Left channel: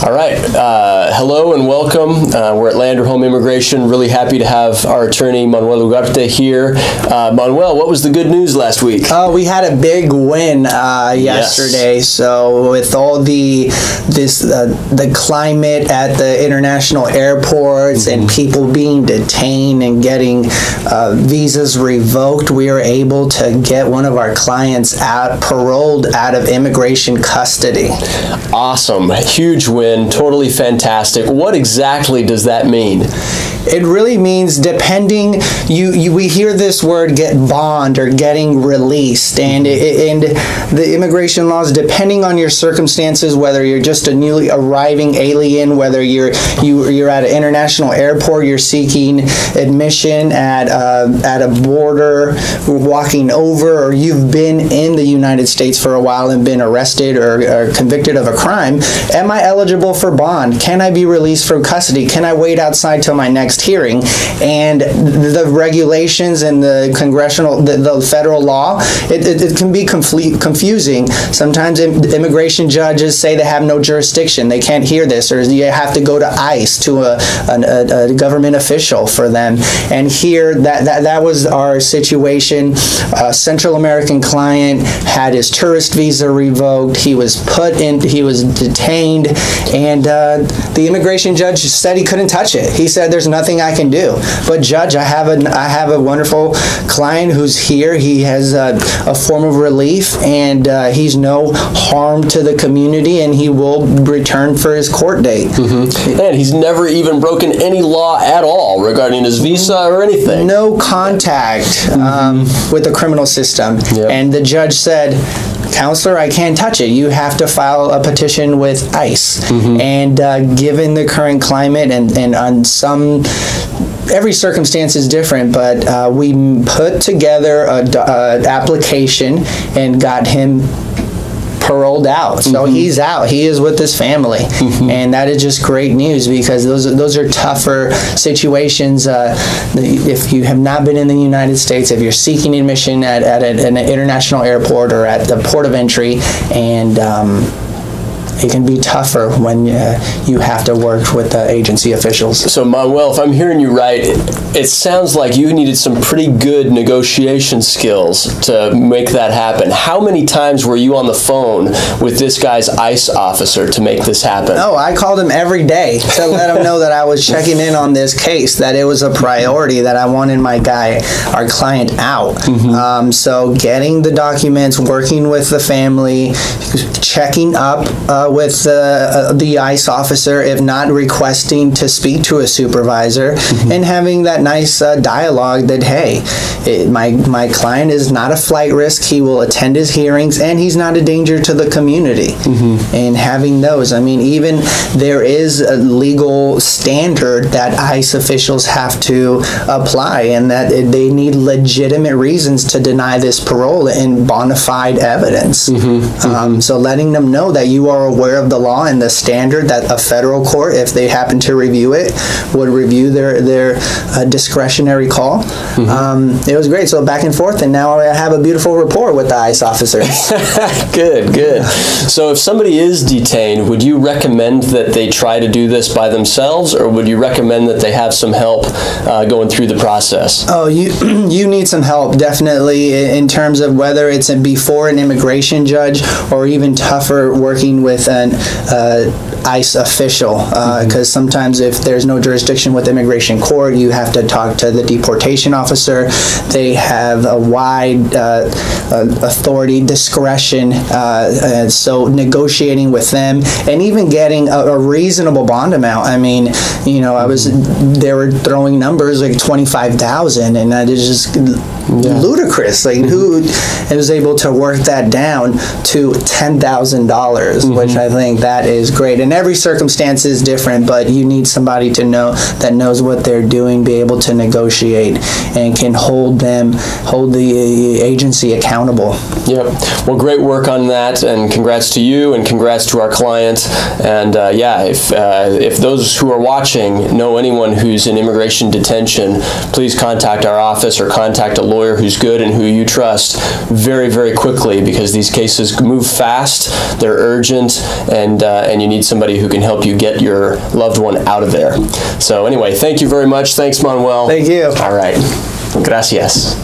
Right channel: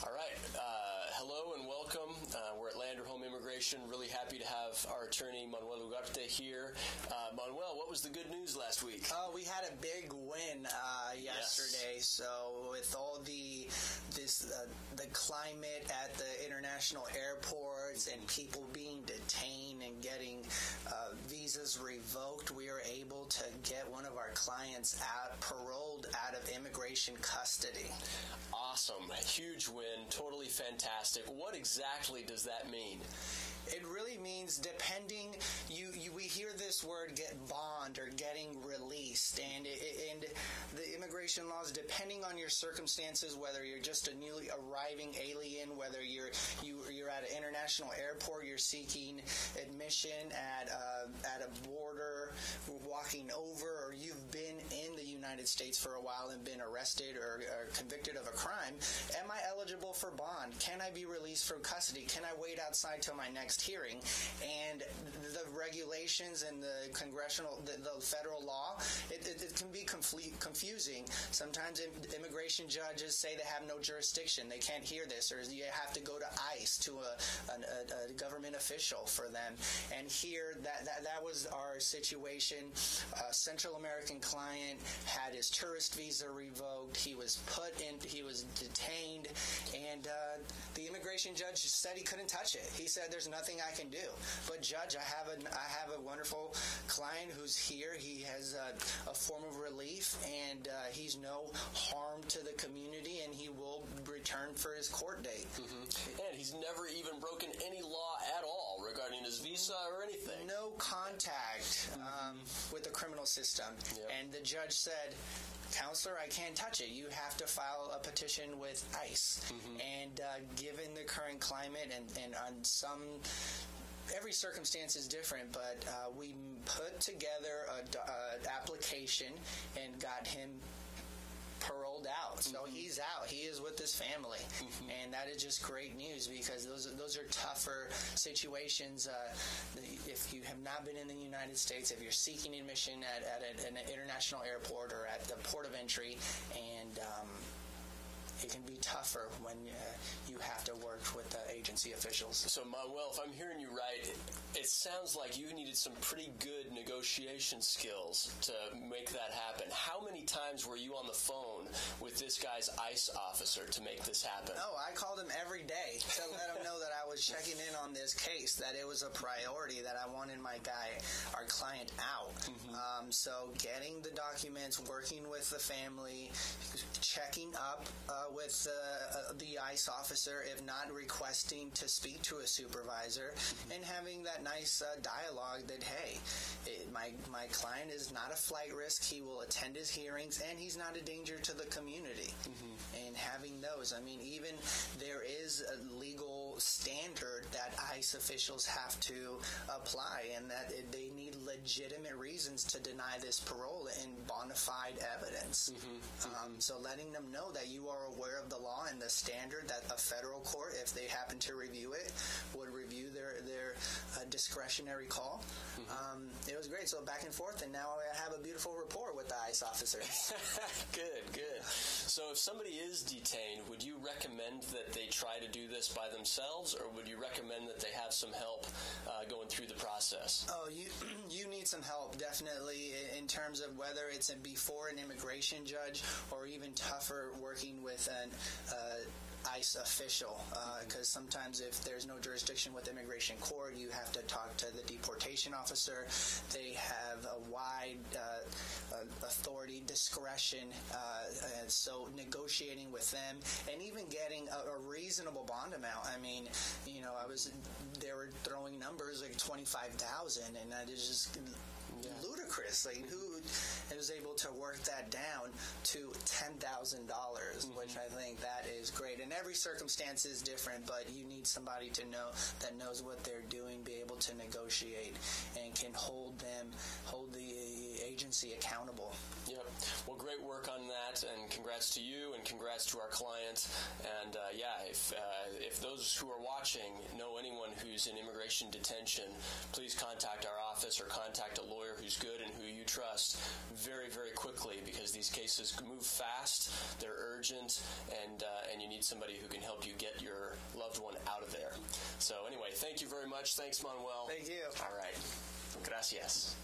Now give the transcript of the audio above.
All right. Hello and welcome. We're at Lander Home Immigration. Really happy to have our attorney, Manuel Ugarte, here. Manuel, what was the good news last week? We had a big win yesterday. Yes. So with all the climate at the international airports and people being detained and getting visas revoked, we were able to get one of our clients paroled out of immigration custody. Awesome. Huge win. Totally fantastic. What exactly does that mean? It really means we hear this word get bond or getting released, and the immigration laws, depending on your circumstances, whether you're just a newly arriving alien, whether you're at an international airport, you're seeking admission at a border, walking over, or you've been in the United States for a while and been arrested or convicted of a crime, am I eligible for bond? Can I be released from custody? Can I wait outside till my next hearing? And the regulations and the federal law, it can be confusing. Sometimes immigration judges say they have no jurisdiction, they can't hear this, or you have to go to ICE, to a government official for them. And here, that was our situation. A Central American client had his tourist visa revoked. He was detained, and the immigration judge said he couldn't touch it. He said, "There's nothing I can do." But Judge, I have a wonderful client who's here. He has a form of relief, and he's no harm to the community, and he will return for his court date. And he's never even broken any law at all regarding his visa or anything. No contact with the criminal system. Yep. And the judge said, "Counselor, I can't touch it. You have to file a petition with ICE." And given the current climate and on every circumstance is different, but we put together an application and got him paroled out. So he's out. He is with his family. And that is just great news, because those are tougher situations. If you have not been in the United States, if you're seeking admission at an international airport or at the port of entry, and it can be tougher when you have to work with the agency officials. So, Manuel, if I'm hearing you right, it sounds like you needed some pretty good negotiation skills to make that happen. How many times were you on the phone with this guy's ICE officer to make this happen? Oh, I called him every day to let him know that I was checking in on this case, that it was a priority, that I wanted our client out. So getting the documents, working with the family, checking up with the ICE officer, if not requesting to speak to a supervisor, and having that nice dialogue that, hey, my client is not a flight risk, he will attend his hearings, and he's not a danger to the community. And having those, I mean, even there is a legal standard that ICE officials have to apply, and that they need legitimate reasons to deny this parole and bona fide evidence. So letting them know that you are aware of the law and the standard, that a federal court, if they happen to review it, would review their discretionary call. It was great. So back and forth, and now I have a beautiful rapport with the ICE officers. Good. So if somebody is detained, would you recommend that they try to do this by themselves, or would you recommend that they have some help going through the process? Oh, you need some help, definitely, in terms of whether it's before an immigration judge, or even tougher working with an ICE official, because sometimes if there's no jurisdiction with immigration court, you have to talk to the deportation officer. They have a wide authority, discretion, so negotiating with them and even getting a reasonable bond amount. I mean, they were throwing numbers like 25,000, and that is just ludicrous. Like, who was able to work that down to $10,000, which I think that is great. And every circumstance is different, but you need somebody to know that knows what they're doing, be able to negotiate, and can hold the agency accountable. Yep. Well, great work on that, and congrats to you, and congrats to our client. And if those who are watching know anyone who's in immigration detention, please contact our office or contact a lawyer lawyer who's good and who you trust very, very quickly, because these cases move fast, they're urgent, and you need somebody who can help you get your loved one out of there. So anyway, thank you very much. Thanks, Manuel. Thank you. All right. Gracias.